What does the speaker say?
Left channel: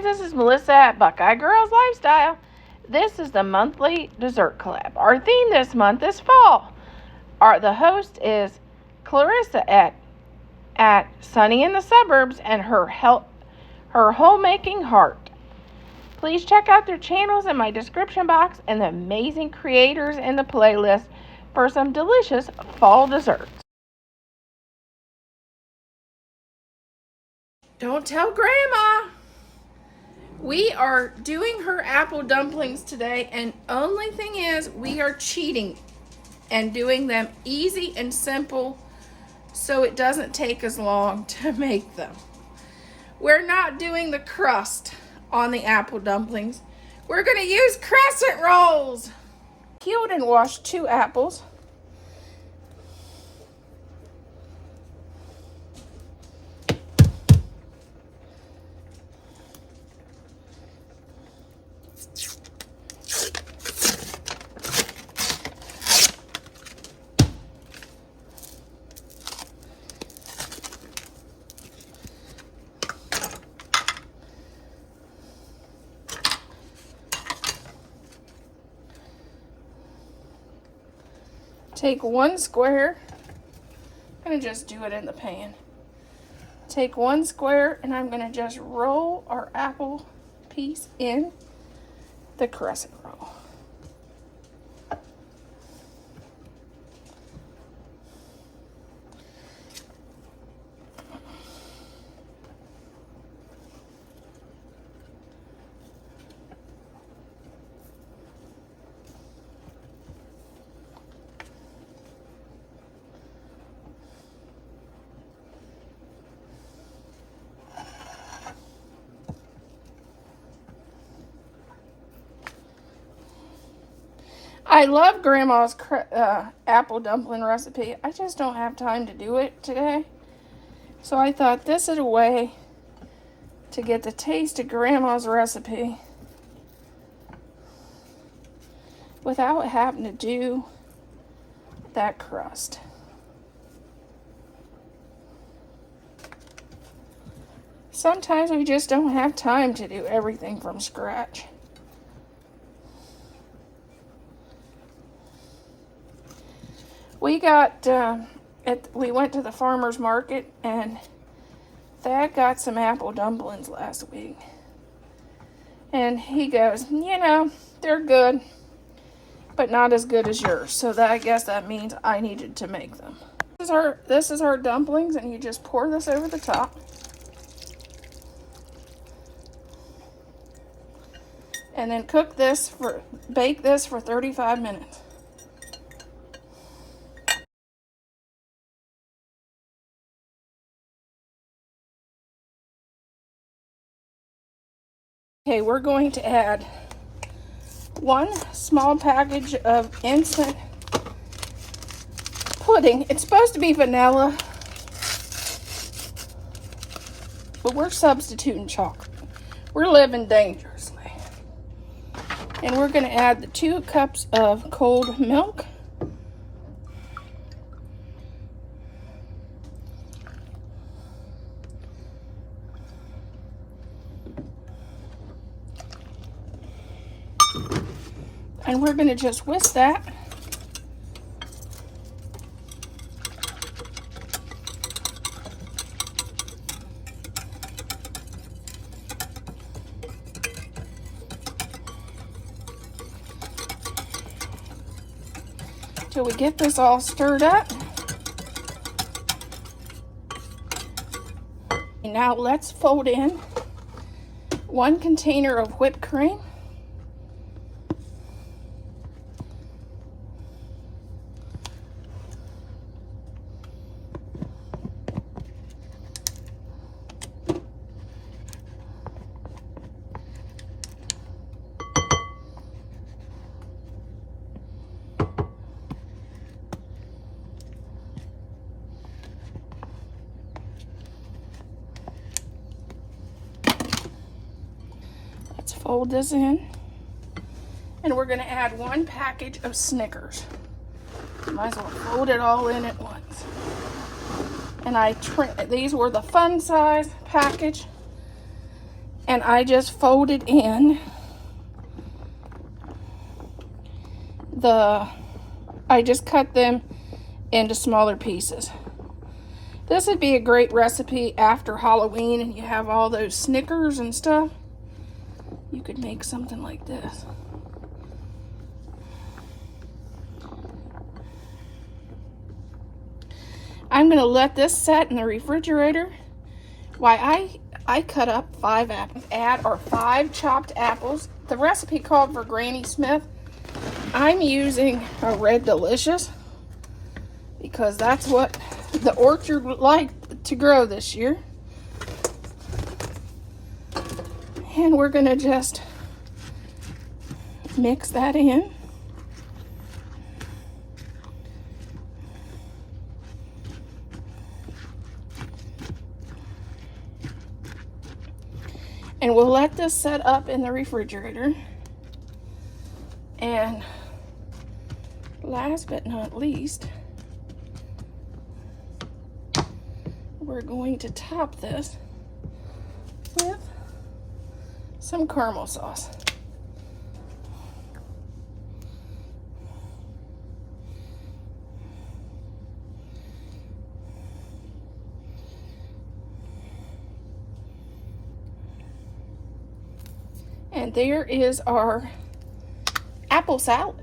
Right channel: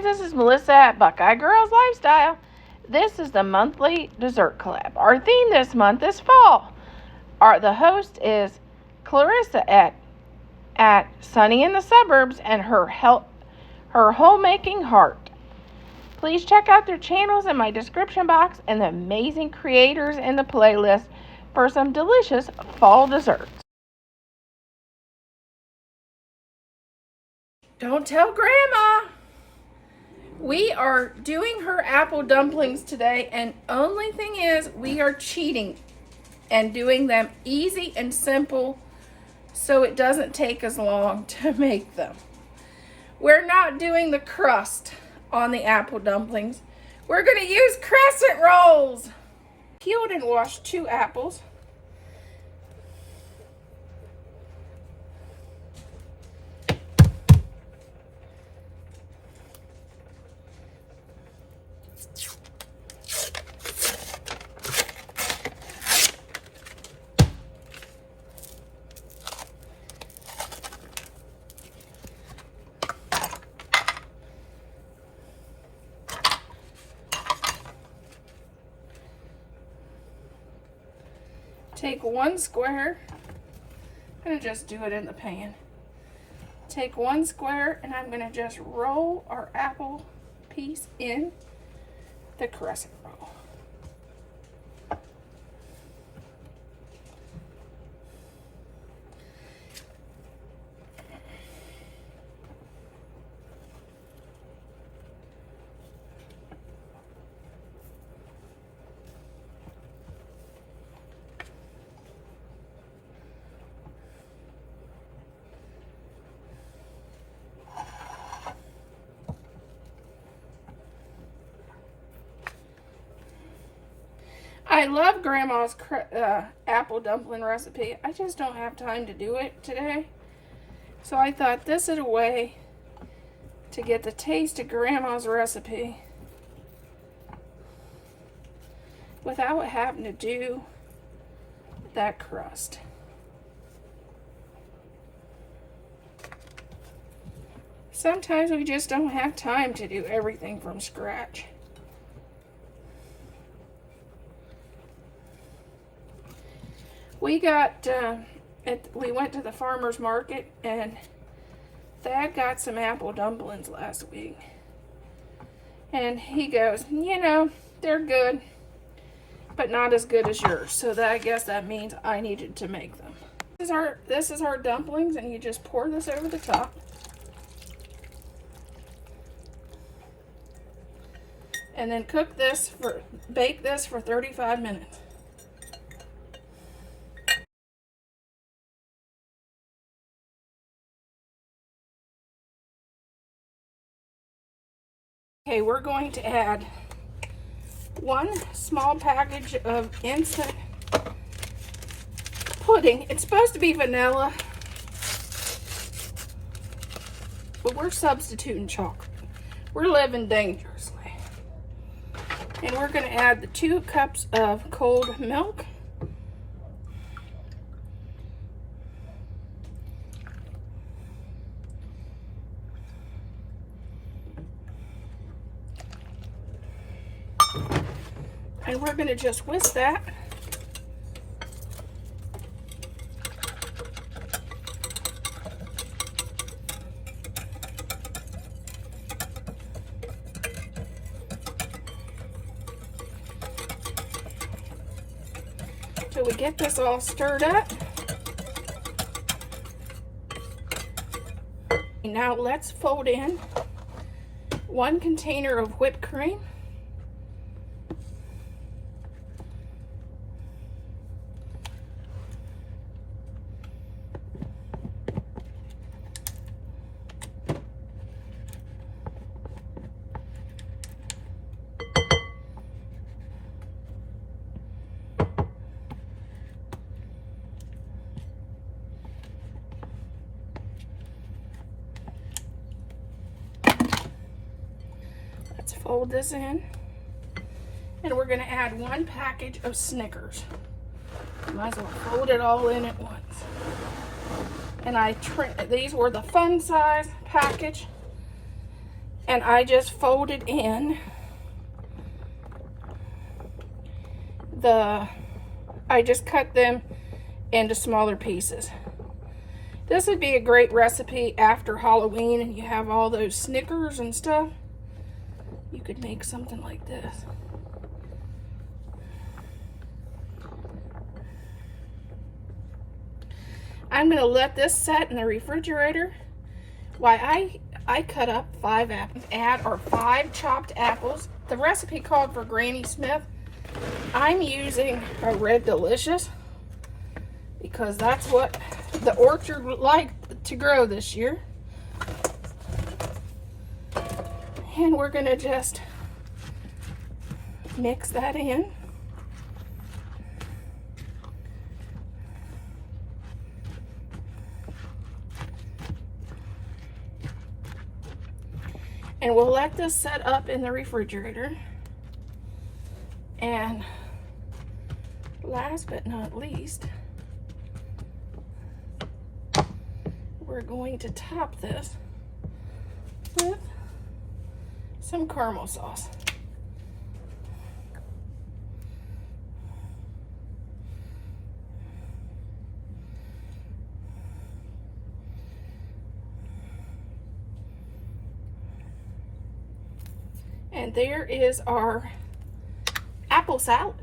friends, this is Melissa at Buckeye Girls Lifestyle. This is the monthly dessert collab. Our theme this month is fall. The host is Clarissa at Sunny in the Suburbs and her homemaking heart. Please check out their channels in my description box and the amazing creators in the playlist for some delicious fall desserts. Don't tell Grandma. We are doing her apple dumplings today, and only thing is we are cheating and doing them easy and simple so it doesn't take as long to make them. We're not doing the crust on the apple dumplings. We're going to use crescent rolls. Peeled and washed 2 apples. Take 1 square, I'm going to just do it in the pan. Take 1 square and I'm going to just roll our apple piece in the crescent roll. I love Grandma's apple dumpling recipe. I just don't have time to do it today. So I thought this is a way to get the taste of Grandma's recipe without having to do that crust. Sometimes we just don't have time to do everything from scratch. We went to the farmer's market and Thad got some apple dumplings last week. And he goes, you know, they're good, but not as good as yours. So I guess that means I needed to make them. This is our dumplings, and you just pour this over the top. And then bake this for 35 minutes. Okay, we're going to add 1 small package of instant pudding. It's supposed to be vanilla, but we're substituting chocolate. We're living dangerously. And we're going to add the 2 cups of cold milk. And we're going to just whisk that. Till we get this all stirred up. And now let's fold in 1 container of whipped cream. Fold this in, and we're going to add 1 package of Snickers. Might as well fold it all in at once. And these were the fun size package, and I just folded in I just cut them into smaller pieces. This would be a great recipe after Halloween and you have all those Snickers and stuff. You could make something like this. I'm going to let this set in the refrigerator while I cut up 5 apples. Add our 5 chopped apples. The recipe called for Granny Smith. I'm using a Red Delicious because that's what the orchard would like to grow this year. And we're going to just mix that in. And we'll let this set up in the refrigerator. And last but not least, we're going to top this with some caramel sauce. And there is our apple salad.